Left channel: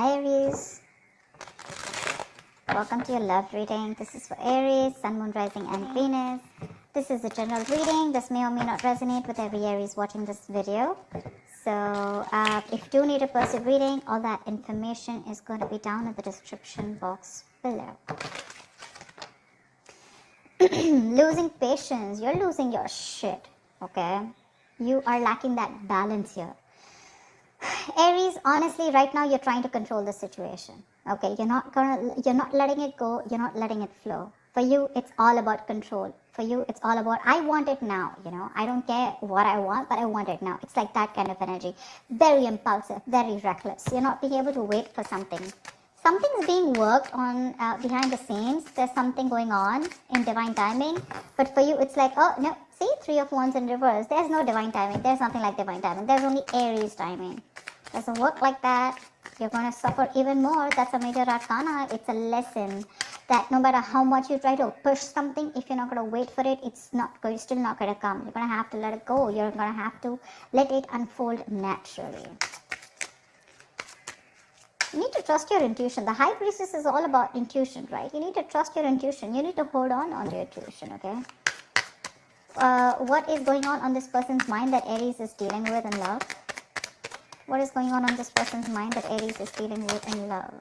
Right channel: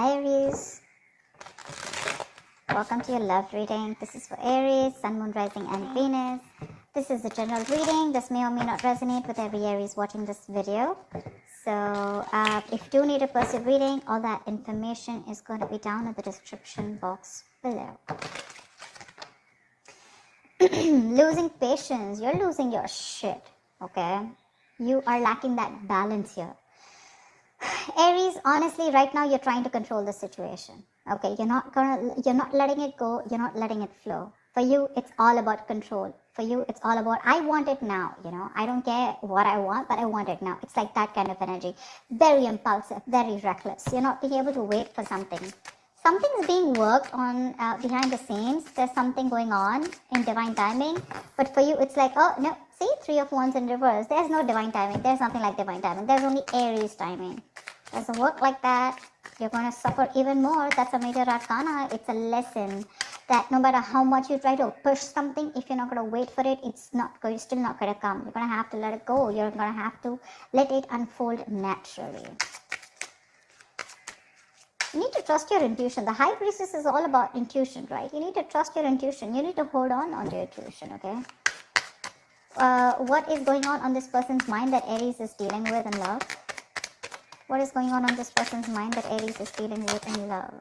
Hi Aries, welcome to your love reading. This is for Aries, Sun, Moon, Rising and Venus. This is a general reading. This may or may not resonate with every Aries watching this video. So if you do need a personal reading, all that information is going to be down in the description box below. Losing patience, you're losing your shit, okay? You are lacking that balance here. Aries, honestly, right now you're trying to control the situation. Okay, you're not letting it go, you're not letting it flow. For you, it's all about control. For you, it's all about, I want it now, I don't care what I want, but I want it now. It's like that kind of energy. Very impulsive, very reckless. You're not being able to wait for something. Something's being worked on behind the scenes. There's something going on in divine timing. But for you, it's like, oh, no. See, 3 of Wands in reverse. There's no divine timing. There's nothing like divine timing. There's only Aries timing. It doesn't work like that. You're going to suffer even more. That's a major arcana. It's a lesson that no matter how much you try to push something, if you're not going to wait for it, it's still not going to come. You're going to have to let it go. You're going to have to let it unfold naturally. You need to trust your intuition. The High Priestess is all about intuition, right? You need to trust your intuition. You need to hold on to your intuition, okay? What is going on this person's mind that Aries is dealing with in love? What is going on this person's mind that Aries is dealing with in love?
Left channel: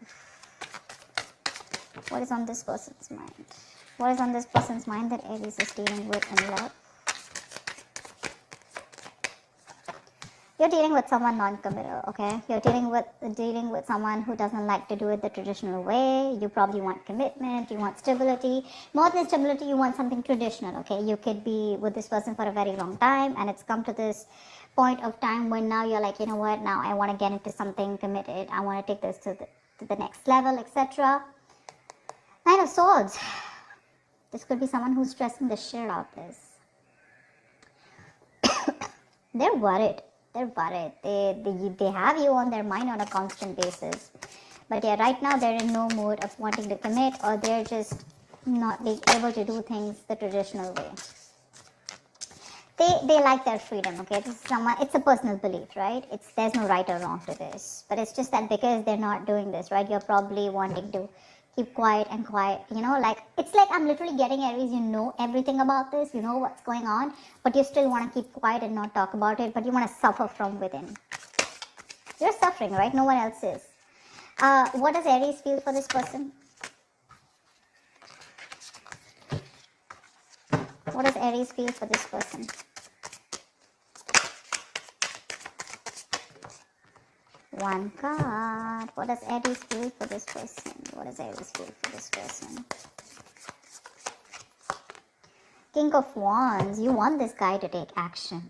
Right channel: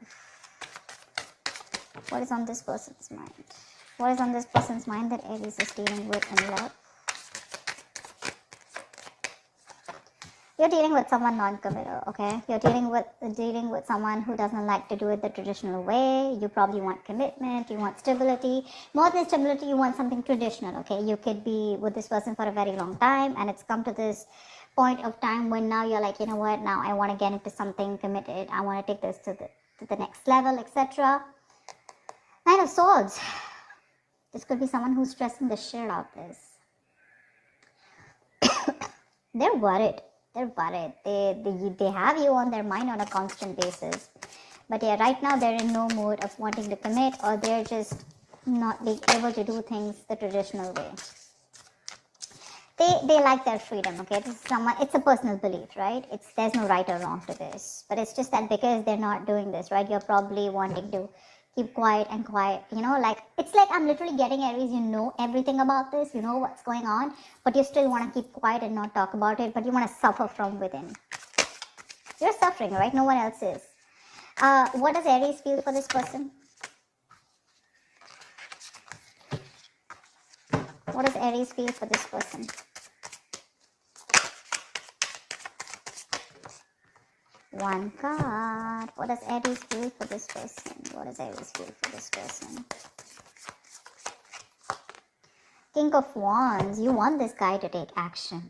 What is on this person's mind? What is on this person's mind that Aries is dealing with in love? You're dealing with someone non-committal, okay? You're dealing with someone who doesn't like to do it the traditional way. You probably want commitment, you want stability. More than stability, you want something traditional, okay? You could be with this person for a very long time, and it's come to this point of time when now you're like, you know what, now I want to get into something committed. I want to take this to the next level, etc. Nine of Swords. This could be someone who's stressing the shit out of this. They're worried. They're worried. They have you on their mind on a constant basis. But yeah, right now they're in no mood of wanting to commit, or they're just not being able to do things the traditional way. They like their freedom, okay? This is someone, it's a personal belief, right? There's no right or wrong to this. But it's just that because they're not doing this, right? You're probably wanting to keep quiet, like, it's like I'm literally getting Aries, you know everything about this, you know what's going on, but you still want to keep quiet and not talk about it, but you want to suffer from within. You're suffering, right? No one else is. What does Aries feel for this person? What does Aries feel for this person? One card. What does Aries feel for this person? What does Aries feel for this person? King of Wands. You want this guy to take action.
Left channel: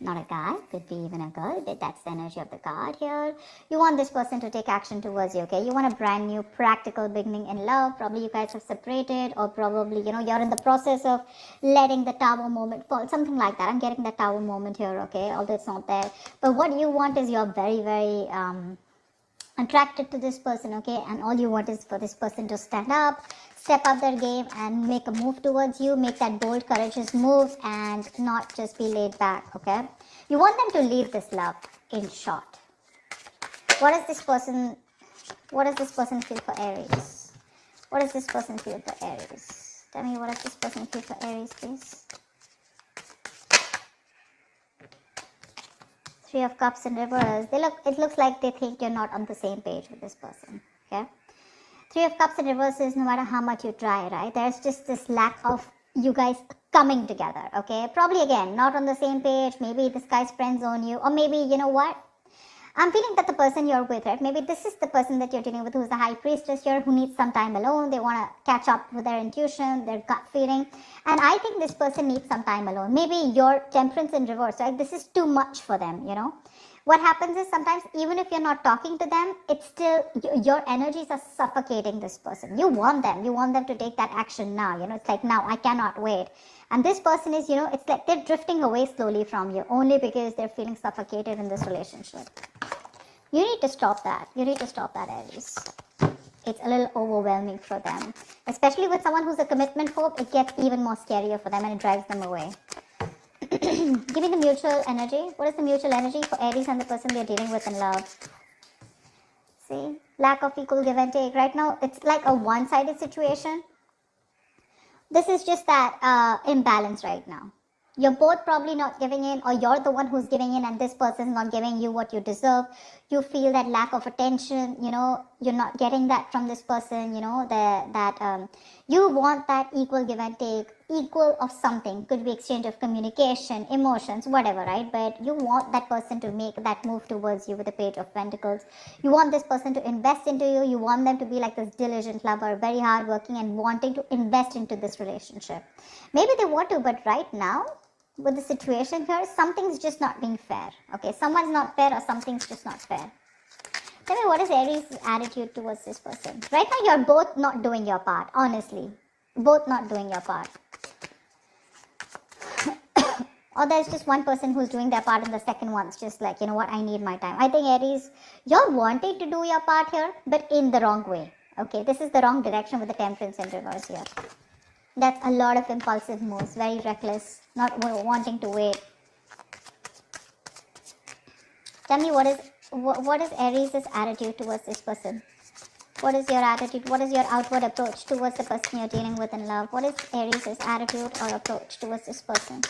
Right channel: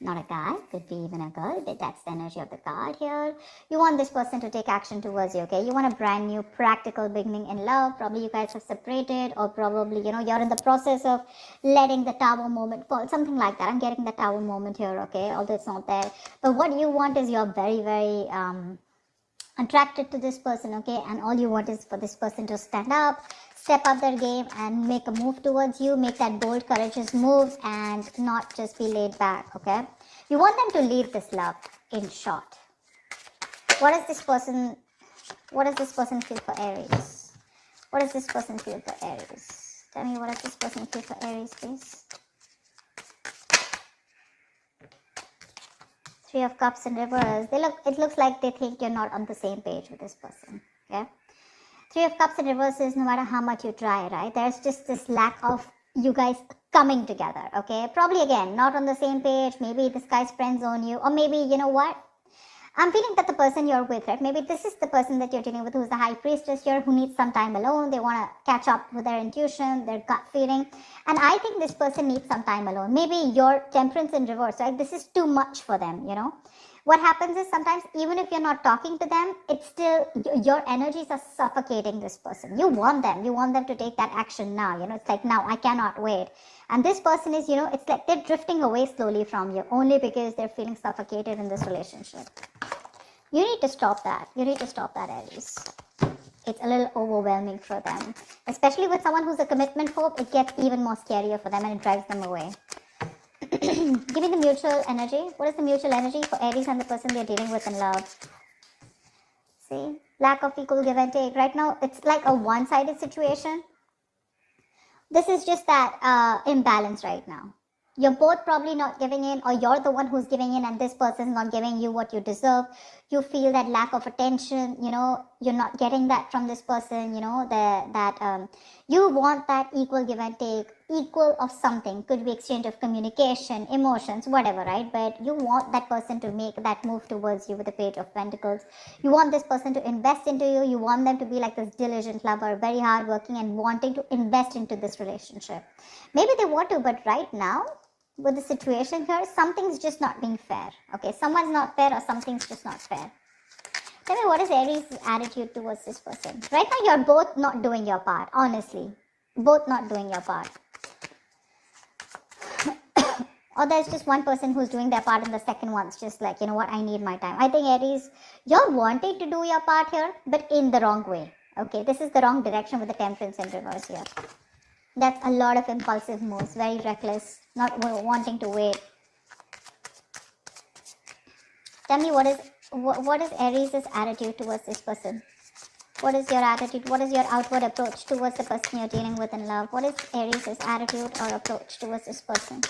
Not a guy, could be even a girl, but that's the energy of the card here. You want this person to take action towards you, okay? You want a brand new practical beginning in love. Probably you guys have separated, or probably, you're in the process of letting the tower moment fall. Something like that. I'm getting the tower moment here, okay? Although it's not there. But what you want is you're very, very attracted to this person, okay? And all you want is for this person to stand up, step up their game, and make a move towards you, make that bold, courageous moves, and not just be laid back, okay? You want them to lead this love, in short. What does this person feel for Aries? What does this person feel for Aries? Tell me, what does this person feel for Aries, please? 3 of Cups in reverse. It looks like they think you're not on the same page with this person, okay? 3 of Cups in reverse is no matter how much you try, right? There's just this lack of you guys coming together, okay? Probably, again, not on the same page. Maybe this guy's friend zone you, or maybe, you know what? I'm feeling that the person you're with, right? Maybe this is the person that you're dealing with who's the High Priestess here, who needs some time alone. They want to catch up with their intuition, their gut feeling. And I think this person needs some time alone. Maybe your Temperance in reverse, right? This is too much for them, What happens is sometimes even if you're not talking to them, it's still, your energies are suffocating this person. You want them to take that action now, it's like, now I cannot wait. And this person is, it's like they're drifting away slowly from you, only because they're feeling suffocated in this relationship. You need to stop that. You need to stop that, Aries. It's a little overwhelming for them. Especially with someone who's a commitment phobe, it gets even more scarier for them and it drives them away. Give me the mutual energy. What is the mutual energy for Aries and the person they're dealing with in love? See, lack of equal give and take. Right now, it's like a one-sided situation. This is just that imbalance right now. You're both probably not giving in, or you're the one who's giving in and this person's not giving you what you deserve. You feel that lack of attention, you're not getting that from this person, you want that equal give and take, equal of something. Could be exchange of communication, emotions, whatever, right? But you want that person to make that move towards you with the Page of Pentacles. You want this person to invest into you. You want them to be like this diligent lover, very hardworking and wanting to invest into this relationship. Maybe they want to, but right now, with the situation here, something's just not being fair. Okay, someone's not fair or something's just not fair. Tell me, what is Aries' attitude towards this person? Right now, you're both not doing your part, honestly. Both not doing your part. Or there's just one person who's doing their part and the second one's just like, you know what, I need my time. I think Aries, you're wanting to do your part here, but in the wrong way. Okay, this is the wrong direction with the Temperance in reverse here. That's a lot of impulsive moves, very reckless, not wanting to wait. Tell me, what is Aries' attitude towards this person? What is your attitude? What is your outward approach towards the person you're dealing with in love? What is Aries' attitude or approach towards this person?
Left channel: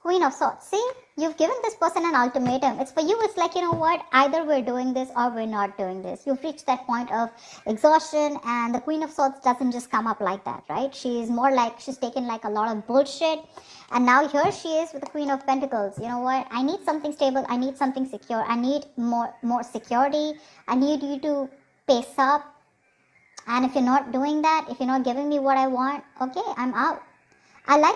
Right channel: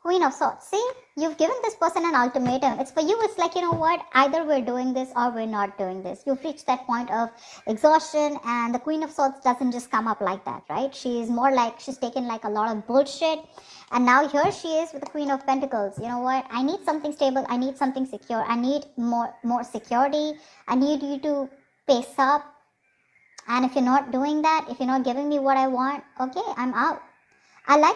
Queen of Swords. See, you've given this person an ultimatum. It's for you, it's like, you know what, either we're doing this or we're not doing this. You've reached that point of exhaustion, and the Queen of Swords doesn't just come up like that, right? She's more like, she's taken like a lot of bullshit, and now here she is with the Queen of Pentacles. You know what, I need something stable, I need something secure, I need more security, I need you to pace up, and if you're not doing that, if you're not giving me what I want, okay, I'm out. I like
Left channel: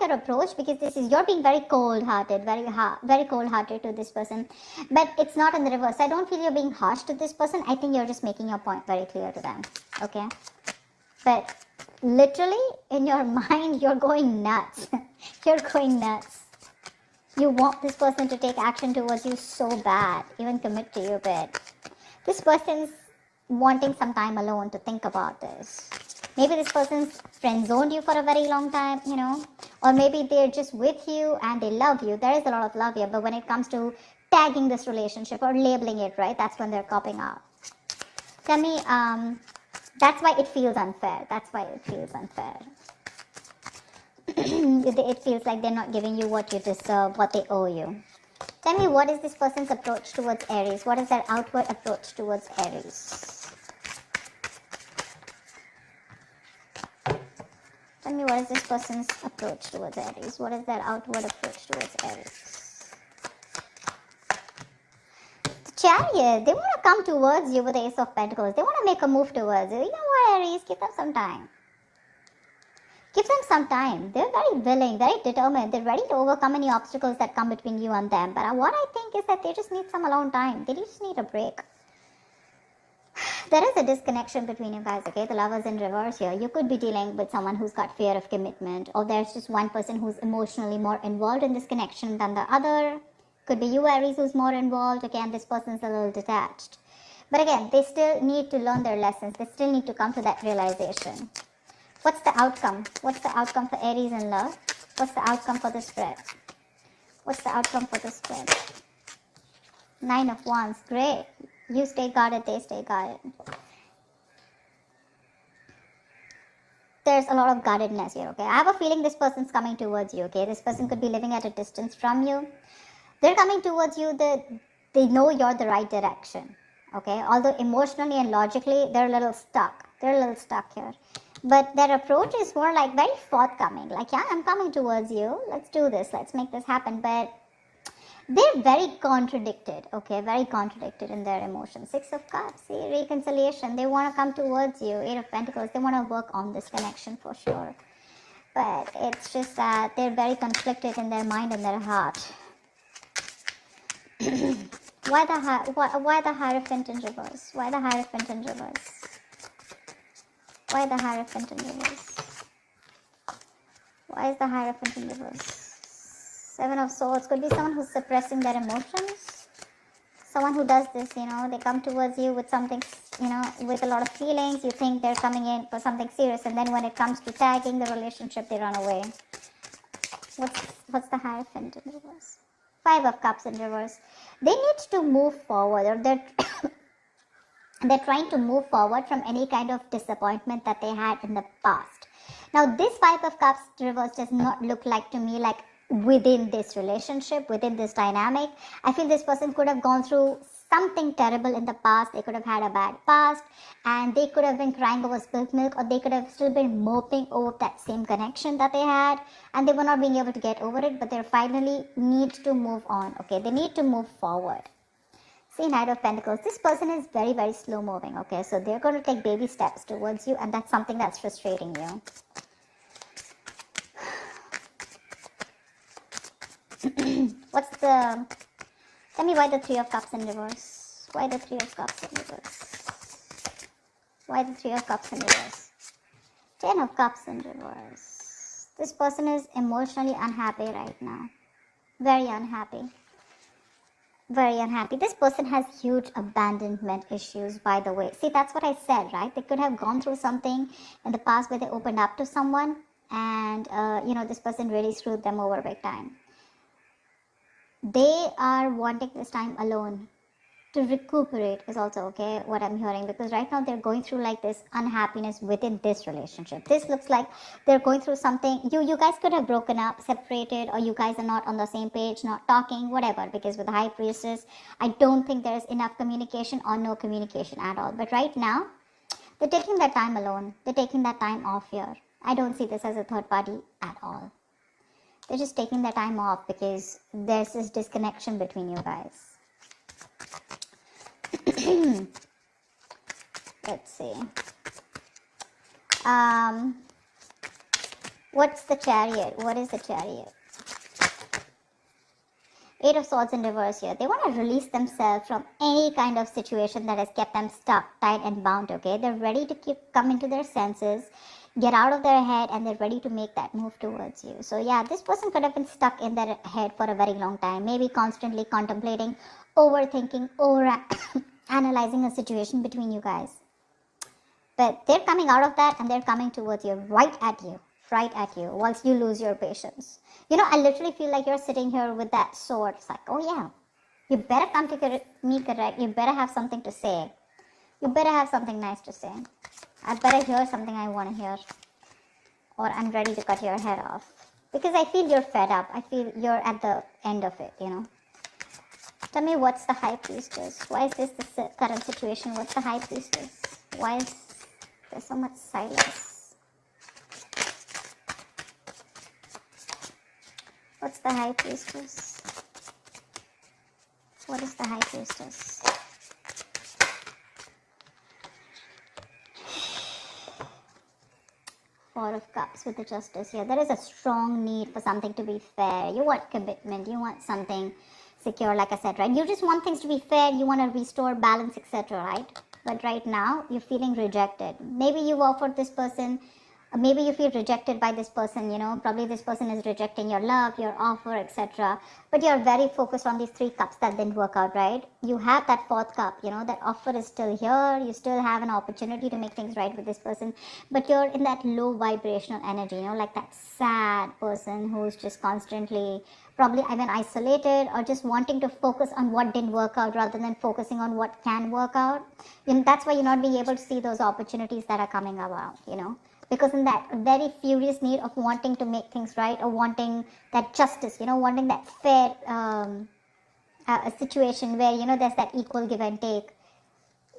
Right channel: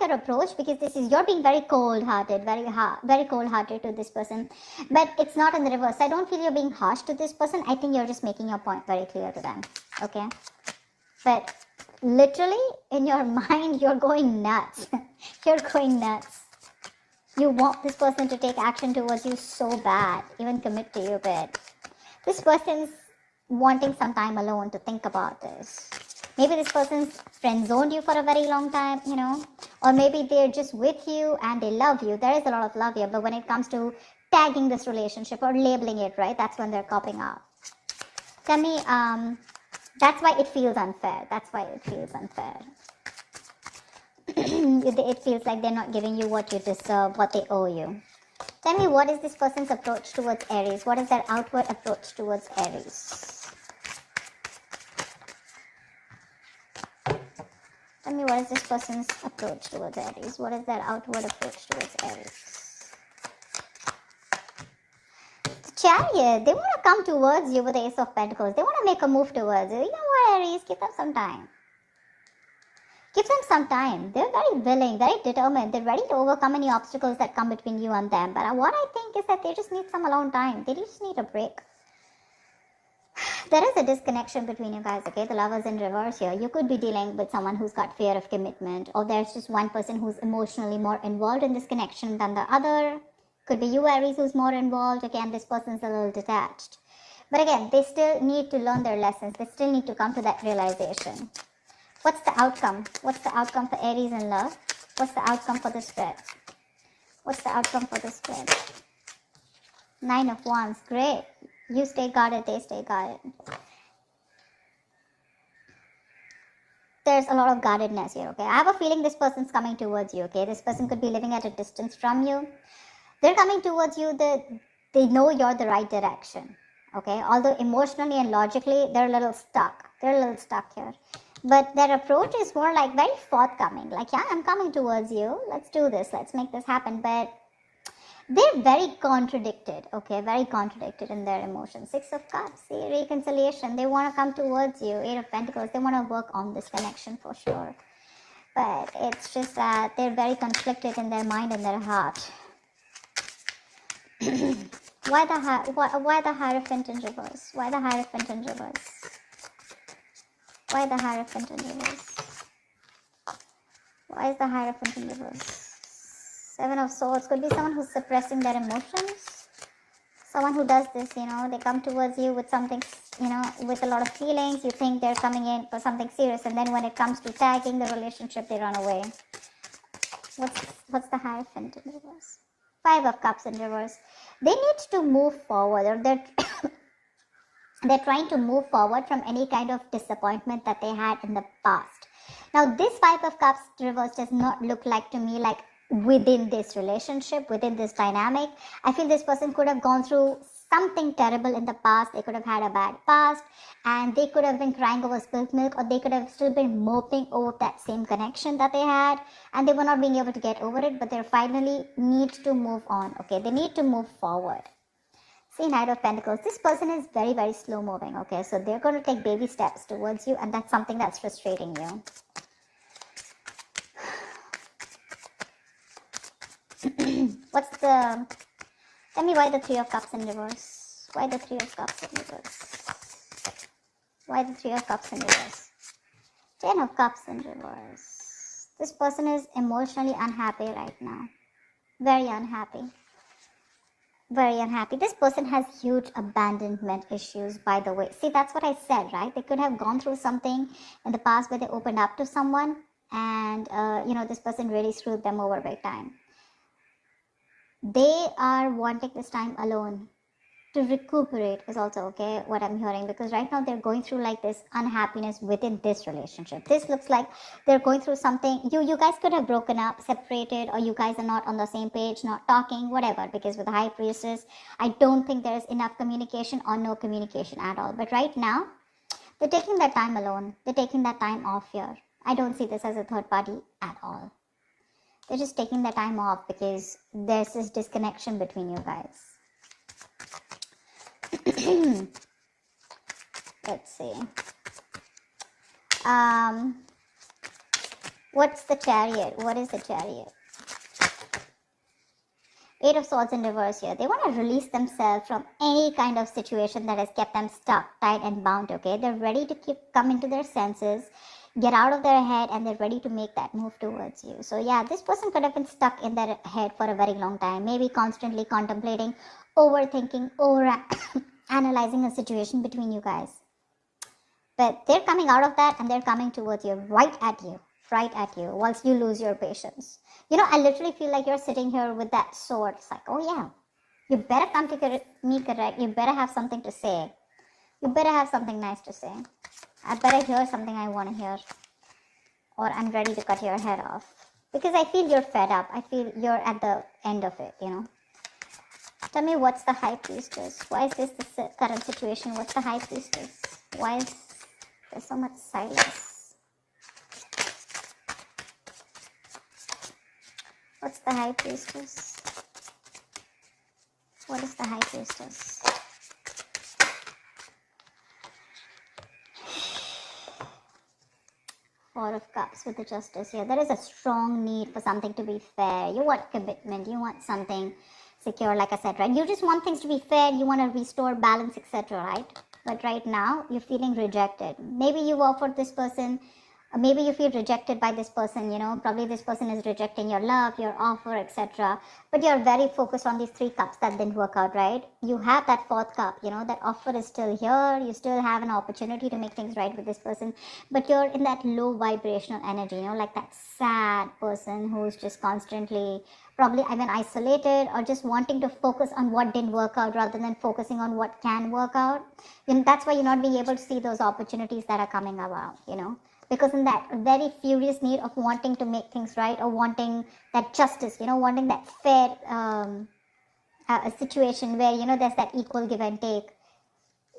your approach, because this is, you're being very cold-hearted, very cold-hearted to this person, but it's not in the reverse. I don't feel you're being harsh to this person. I think you're just making your point very clear to them, okay? But literally, in your mind, you're going nuts. You're going nuts. You want this person to take action towards you so bad, even commit to you, but this person's wanting some time alone to think about this. Maybe this person's friend-zoned you for a very long time, or maybe they're just with you and they love you. There is a lot of love here, but when it comes to tagging this relationship or labeling it, right, that's when they're copping out. Tell me, that's why it feels unfair. That's why it feels unfair. It feels like they're not giving you what you deserve, what they owe you. Tell me, what is this person's approach towards Aries? What is their outward approach towards Aries? Tell me, what is this person's approach towards Aries? What is their outward approach towards Aries? Chariot, they want to come towards you with Ace of Pentacles. They want to make a move towards you. You know what, Aries? Give them some time. Give them some time. They're very willing, very determined. They're ready to overcome any obstacles that come between you and them. But what I think is that they just need some alone time. They just need a break. There is a disconnection between you guys, okay? The Lovers in reverse here. You could be dealing with someone who's got fear of commitment, or there's just one person who's emotionally more involved in this connection than the other. Could be you, Aries, who's more involved. Again, this person's a little detached. But again, they still need to learn their lessons. They still need to come to that realization. What's the outcome? What's the outcome for Aries in love? What's the outcome for the spread? What's the outcome for the spread? 9 of Wands. Great. You stay guarded, they stay guarded. There's a lot of guardedness here, okay? I have a feeling this person's coming towards you, okay? This person could be living at a distance from you. They're coming towards you. They know you're the right direction, okay? Although emotionally and logically, they're a little stuck. They're a little stuck here. But their approach is more like very forthcoming. Like, yeah, I'm coming towards you. Let's do this. Let's make this happen. But they're very contradicted, okay? Very contradicted in their emotions. 6 of Cups, see, reconciliation. They want to come towards you. 8 of Pentacles, they want to work on this connection for sure. But it's just that they're very conflicted in their mind and their heart. Why the Hierophant in reverse? Why the Hierophant in reverse? Why the Hierophant in reverse? Why is the Hierophant in reverse? 7 of Swords. Could be someone who's suppressing their emotions. Someone who does this, they come towards you with something, with a lot of feelings. You think they're coming in for something serious, and then when it comes to tagging the relationship, they run away. What's the Hierophant in reverse? Five of Cups in reverse. They need to move forward, or they're trying to move forward from any kind of disappointment that they had in the past. Now, this Five of Cups reverse does not look like to me like within this relationship, within this dynamic. I feel this person could have gone through something terrible in the past. They could have had a bad past, and they could have been crying over spilt milk, or they could have still been moping over that same connection that they had, and they were not being able to get over it, but they finally need to move on. Okay, they need to move forward. See, Knight of Pentacles. This person is very, very slow moving. Okay, so they're going to take baby steps towards you, and that's something that's frustrating you. Tell me why the Three of Cups in reverse? Why the Three of Cups in reverse? Why the Three of Cups in reverse? Ten of Cups in reverse. This person is emotionally unhappy right now. Very unhappy. Very unhappy. This person has huge abandonment issues, by the way. See, that's what I said, right? They could have gone through something in the past where they opened up to someone, and, this person really screwed them over big time. They are wanting this time alone to recuperate is also okay, what I'm hearing, because right now they're going through like this unhappiness within this relationship. This looks like they're going through something. You guys could have broken up, separated, or you guys are not on the same page, not talking, whatever, because with the High Priestess, I don't think there's enough communication or no communication at all. But right now, they're taking that time alone. They're taking that time off here. I don't see this as a third party at all. They're just taking their time off because there's this disconnection between you guys. Let's see. What's the Chariot? What is the Chariot? Eight of Swords in reverse here. They want to release themselves from any kind of situation that has kept them stuck, tight and bound, okay? They're ready to come into their senses, get out of their head, and they're ready to make that move towards you. So yeah, this person could have been stuck in their head for a very long time, maybe constantly contemplating, overthinking, analyzing a situation between you guys. But they're coming out of that, and they're coming towards you, right at you, whilst you lose your patience. I literally feel like you're sitting here with that sword. It's like, oh yeah, you better come to me correct. You better have something to say. You better have something nice to say. I better hear something I want to hear, or I'm ready to cut your head off. Because I feel you're fed up. I feel you're at the end of it, Tell me, what's the High Priestess? Why is this the current situation? What's the High Priestess? Why is there so much silence? What's the High Priestess? What is the High Priestess? Four of Cups with the Justice here. There is a strong need for something to be fair. You want commitment. You want something secure, like I said, right? You just want things to be fair. You want to restore balance, etc., right? But right now, you're feeling rejected. Maybe you offered this person, maybe you feel rejected by this person, Probably this person is rejecting your love, your offer, etc. But you're very focused on these three cups that didn't work out, right? You have that fourth cup, that offer is still here. You still have an opportunity to make things right with this person. But you're in that low vibrational energy, like that sad person who's just constantly probably isolated, or just wanting to focus on what didn't work out rather than focusing on what can work out. And that's why you're not being able to see those opportunities that are coming around, Because in that very furious need of wanting to make things right, or wanting that justice, wanting that fair situation where, there's that equal give and take.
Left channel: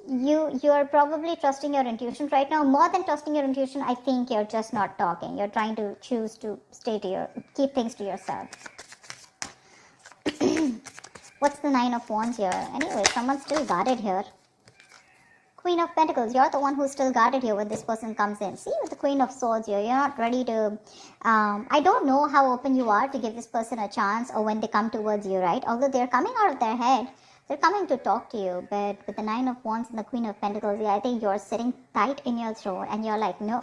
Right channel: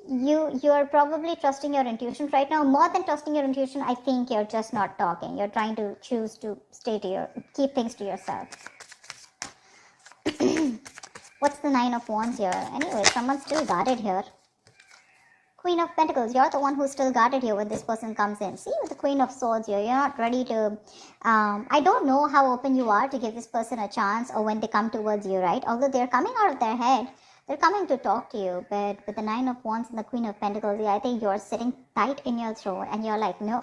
You're probably trusting your intuition right now. More than trusting your intuition, I think you're just not talking. You're trying to choose to keep things to yourself. What's the Nine of Wands here? Anyway, someone's still guarded here. Queen of Pentacles, you're the one who's still guarded here when this person comes in. See, with the Queen of Swords here, you're not ready to, I don't know how open you are to give this person a chance, or when they come towards you, right? Although they're coming out of their head, they're coming to talk to you. But with the Nine of Wands and the Queen of Pentacles, yeah, I think you're sitting tight in your throat, and you're like, no,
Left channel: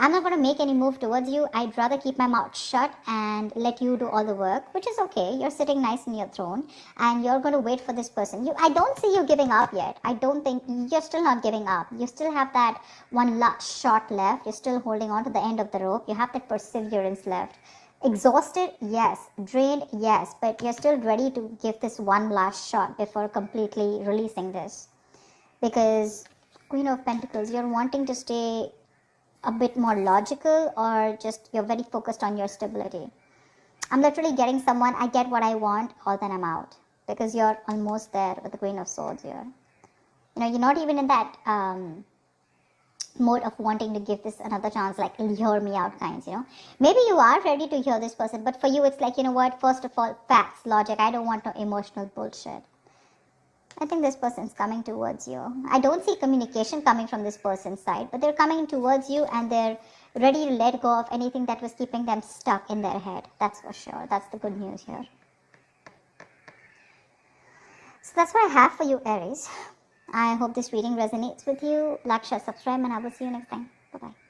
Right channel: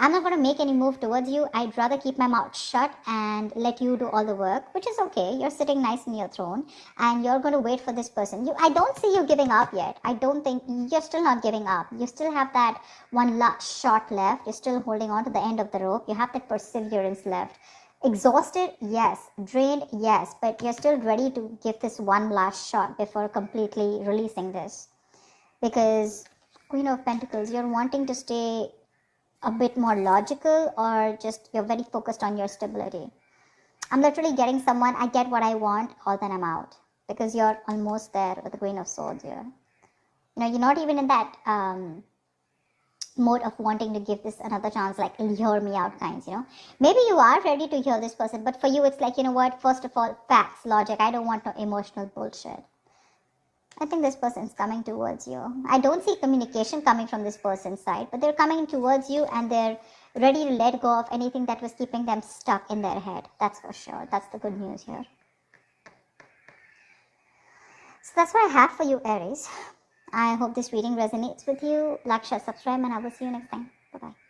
I'm not going to make any move towards you. I'd rather keep my mouth shut and let you do all the work, which is okay. You're sitting nice in your throne, and you're going to wait for this person. I don't see you giving up yet. I don't think you're still not giving up. You still have that one shot left. You're still holding on to the end of the rope. You have that perseverance left. Exhausted, yes. Drained, yes. But you're still ready to give this one last shot before completely releasing this. Because Queen of Pentacles, you're wanting to stay a bit more logical, or just you're very focused on your stability. I'm literally getting someone, I get what I want, or then I'm out. Because you're almost there with the Queen of Swords here. You know, you're not even in that mode of wanting to give this another chance, like hear me out kinds, you know. Maybe you are ready to hear this person, but for you it's like, you know what, first of all, facts, logic. I don't want no emotional bullshit. I think this person's coming towards you. I don't see communication coming from this person's side, but they're coming towards you and they're ready to let go of anything that was keeping them stuck in their head. That's for sure. That's the good news here. So that's what I have for you, Aries. I hope this reading resonates with you. Like, share, subscribe, and I will see you next time. Bye-bye.